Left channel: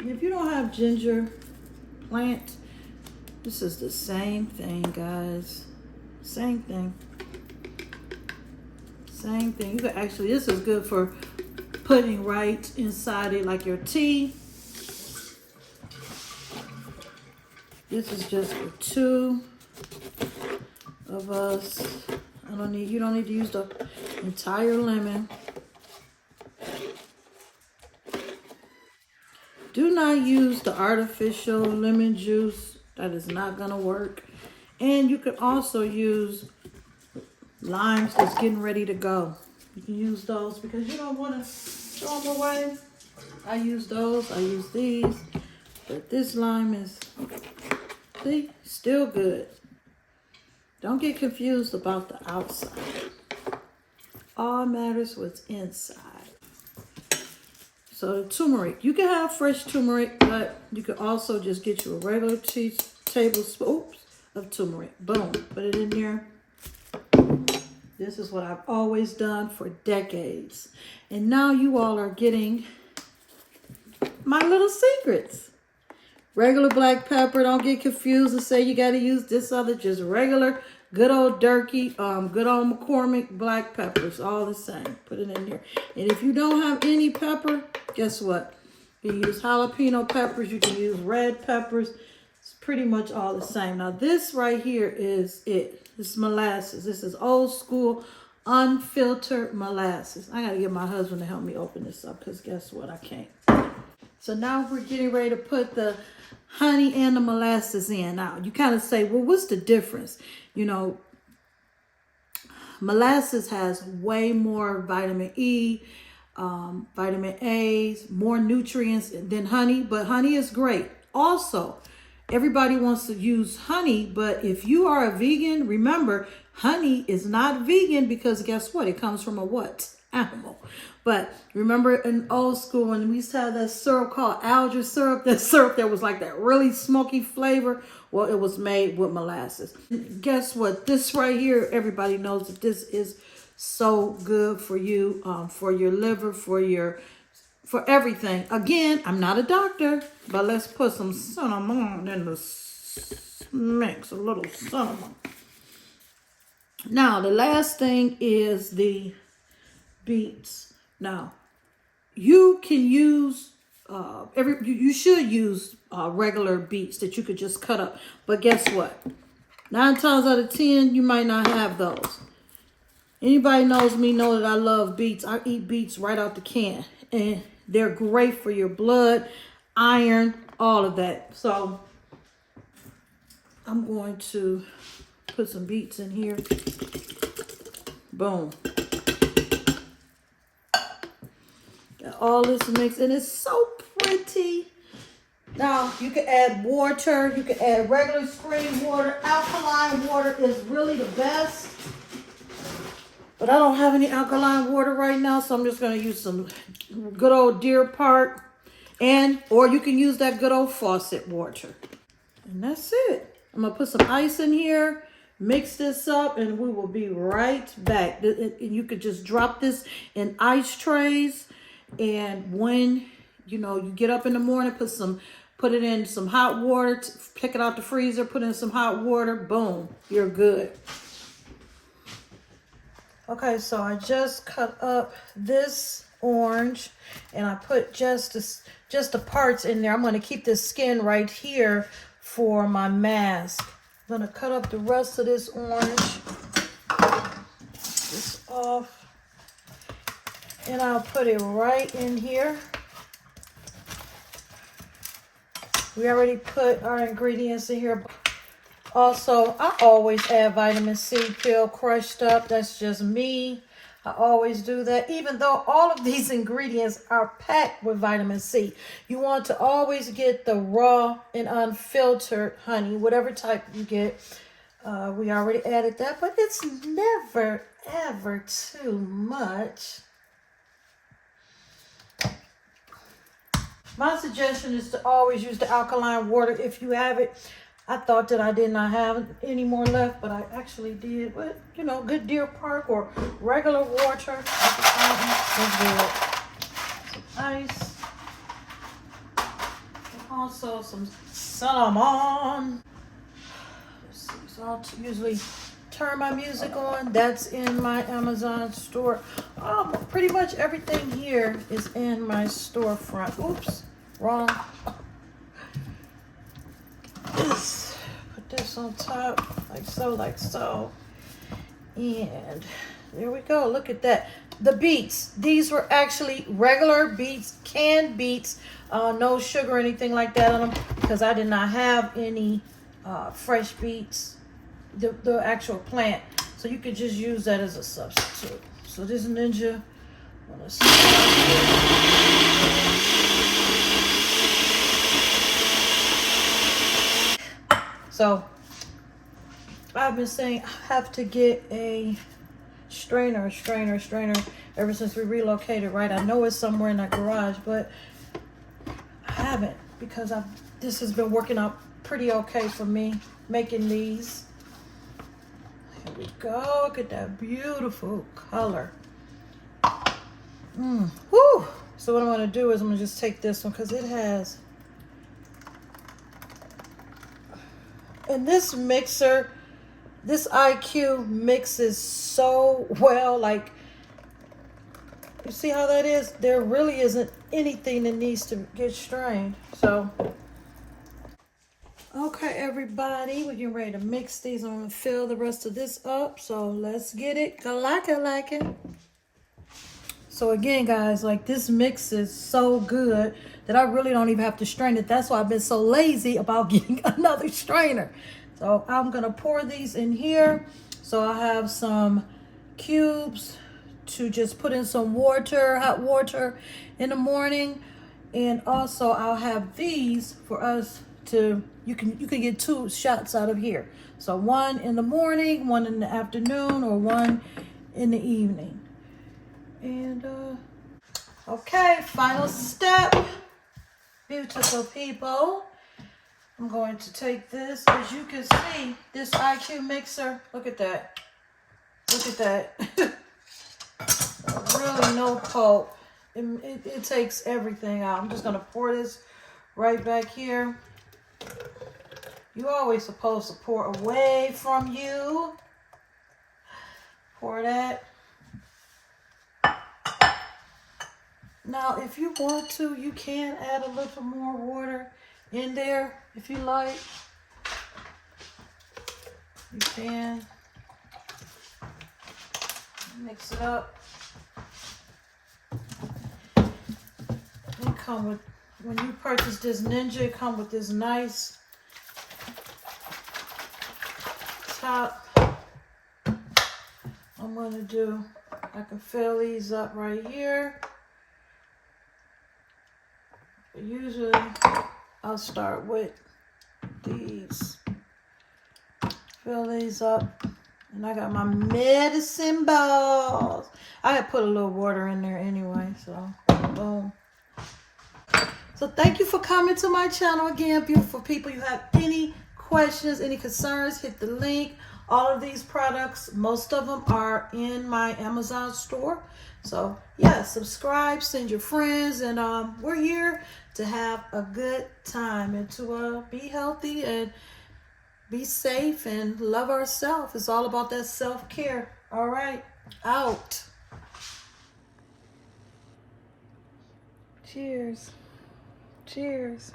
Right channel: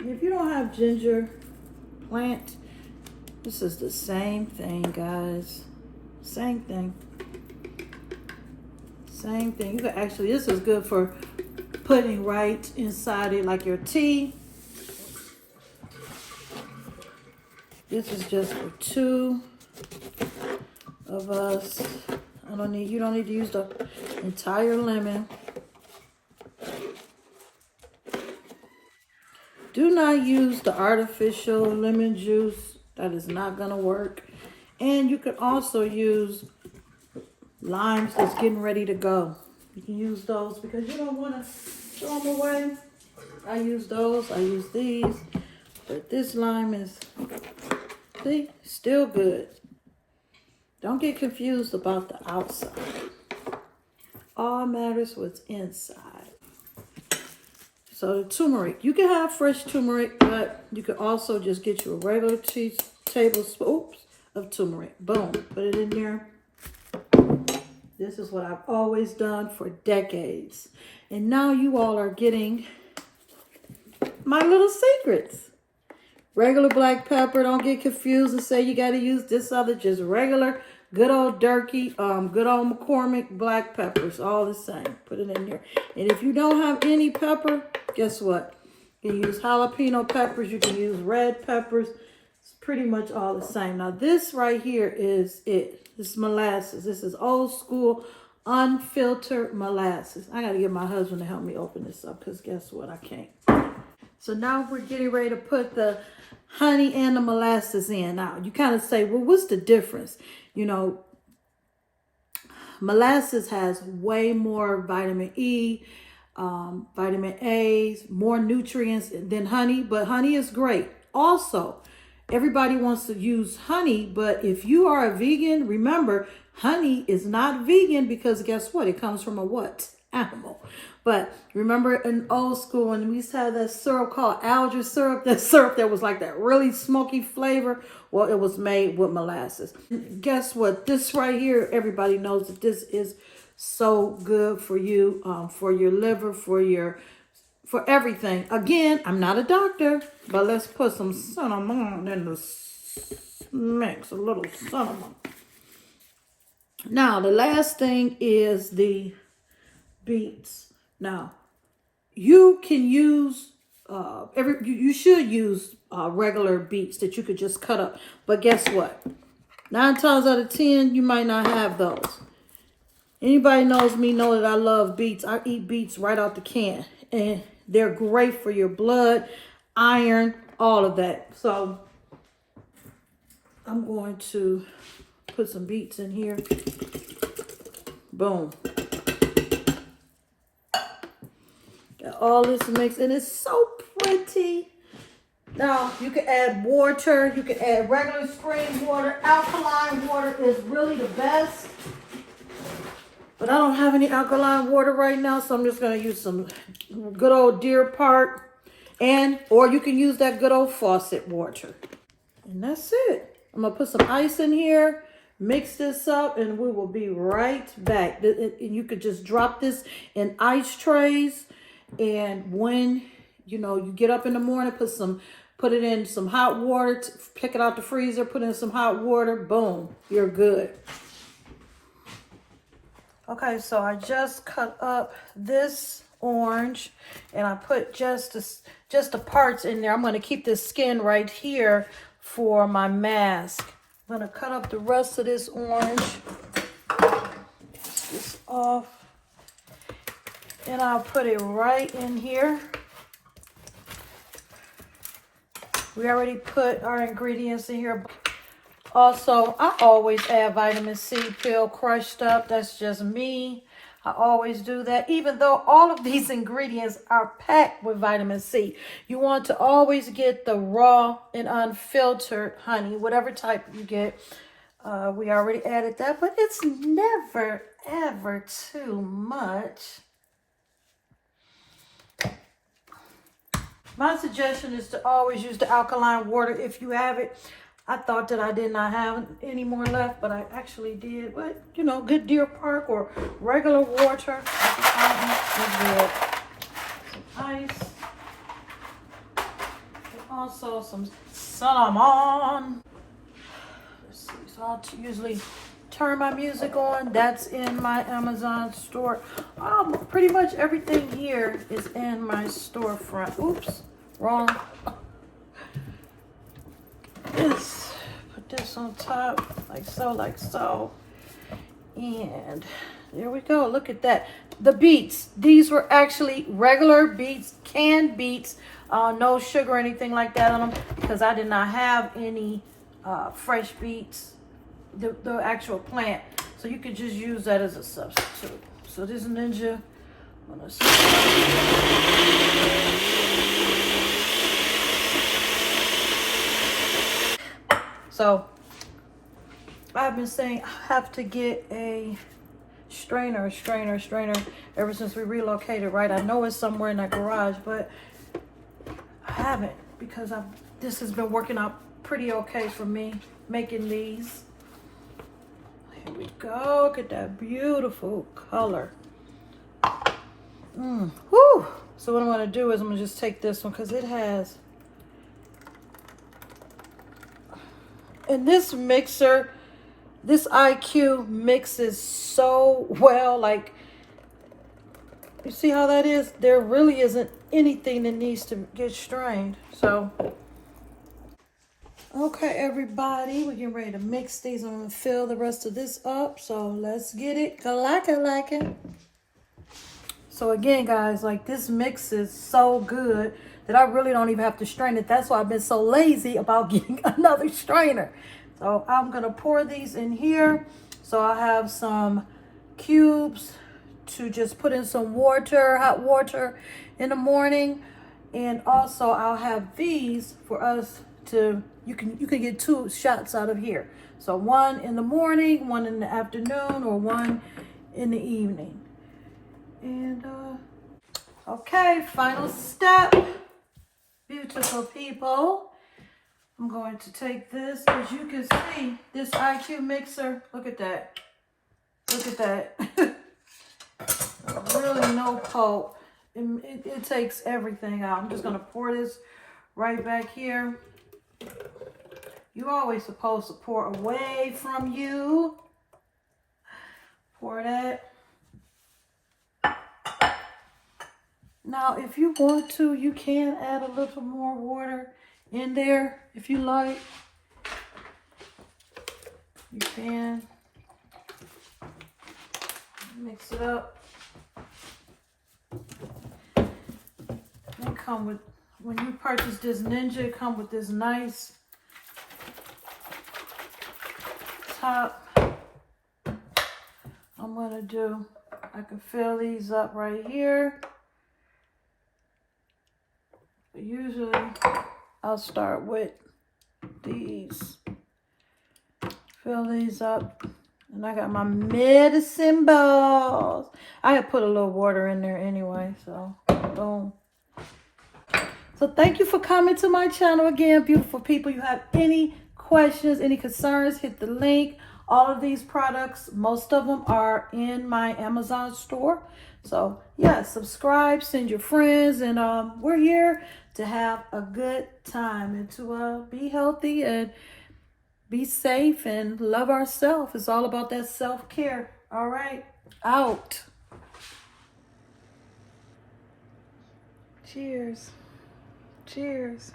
If you don't have ginger plant, this is the same thing, guys. Same thing. Same thing. You can actually, this is good for putting right inside it like your tea. This is just for 2 of us. You don't need to use the entire lemon. Do not use the artificial lemon juice. That is not gonna work. And you can also use limes that's getting ready to go. You can use those because you don't want to throw them away. I use those. I use these. But this lime is, see, still good. Don't get confused about the outside. All matters what's inside. So the turmeric. You can have fresh turmeric, but you can also just get you a regular tablespoon of turmeric. Boom. Put it in there. This is what I've always done for decades. And now you all are getting my little secrets. Regular black pepper. Don't get confused and say you got to use this other. Just regular, good old Durkee, good old McCormick black peppers. All the same. Put it in there. And if you don't have any pepper, guess what? You can use jalapeno peppers. You can use red peppers. It's pretty much all the same. Now this right here is it. This is molasses. This is old school, unfiltered molasses. I got to get my husband to help me open this up because guess what? I can't. So now we're getting ready to put the honey and the molasses in. Now, you kind of say, well, what's the difference? You know, molasses has way more vitamin E, vitamin A, more nutrients than honey, but honey is great. Also, everybody wants to use honey, but if you are a vegan, remember, honey is not vegan because guess what? It comes from a what? Animal. But remember in old school when we used to have that syrup called algae syrup, that syrup that was like that really smoky flavor, well, it was made with molasses. Guess what? This right here, everybody knows that this is so good for you, for your liver, for everything. Again, I'm not a doctor, but let's put some cinnamon in the mix, a little cinnamon. Now, the last thing is the beets. Now, you can use, you should use regular beets that you could just cut up. But guess what? 9 times out of 10, you might not have those. Anybody knows me know that I love beets. I eat beets right out the can. And they're great for your blood, iron, all of that. So I'm going to put some beets in here. Boom. Got all this mixed, and it's so pretty. Now, you can add water. You can add regular spring water. Alkaline water is really the best. But I don't have any alkaline water right now, so I'm just going to use some good old Deer Park. Or you can use that good old faucet water. And that's it. I'm going to put some ice in here, mix this up, and we will be right back. You could just drop this in ice trays. And when, you get up in the morning, put it in some hot water, pick it out the freezer, put in some hot water, boom, you're good. Okay, so I just cut up this orange and I put just the parts in there. I'm going to keep this skin right here for my mask. I'm going to cut up the rest of this orange. This off. And I'll put it right in here. We already put our ingredients in here. Also, I always add vitamin C pill crushed up. That's just me. I always do that. Even though all of these ingredients are packed with vitamin C. You want to always get the raw and unfiltered honey, whatever type you get. We already added that, but it's never, ever too much. My suggestion is to always use the alkaline water if you have it. I thought that I did not have any more left, but I actually did. But, good Deer Park or regular water. Some ice. also some cinnamon. Let's see, so I'll usually turn my music on. That's in my Amazon store. Pretty much everything here is in my storefront. Oops, wrong. Put this on top, like so. And there we go. Look at that. The beets. These were actually regular beets, canned beets. No sugar or anything like that on them because I did not have any fresh beets, the actual plant. So you could just use that as a substitute. So this Ninja. Let's see. So I've been saying I have to get a strainer ever since we relocated, right? I know it's somewhere in that garage, but I haven't because this has been working out pretty okay for me making these. Here we go. Look at that beautiful color. Whoo! So what I'm going to do is I'm going to just take this one because it has, and this mixer, this IQ mixes so well. Like, you see how that is? There really isn't anything that needs to get strained. So, okay, everybody, we're getting ready to mix these. I'm going to fill the rest of this up. So let's get it. Like it. So again, guys, like this mix is so good that I really don't even have to strain it. That's why I've been so lazy about getting another strainer. So I'm going to pour these in here. So I have some cubes to just put in some water, hot water in the morning. And also I'll have these for us to, you can get 2 shots out of here. So one in the morning, one in the afternoon, or one in the evening. And okay, final step, beautiful people. I'm going to take this. As you can see, this IQ mixer, look at that. Look at that. Really no pulp. It takes everything out. I'm just going to pour this right back here. You're always supposed to pour away from you. Pour that. Now, if you want to, you can add a little more water in there if you like. You can mix it up. They come with, when you purchase this Ninja, it comes with this nice top. I'm gonna do, I can fill these up right here. But usually I'll start with these. Fill these up. And I got my medicine balls. I had put a little water in there anyway, so boom. So thank you for coming to my channel again, beautiful people. You have any questions, any concerns, hit the link. All of these products, most of them are in my Amazon store. So yeah, subscribe, send your friends, and we're here to have a good time and to be healthy and be safe and love ourselves. It's all about that self-care. All right, out. Cheers. Cheers.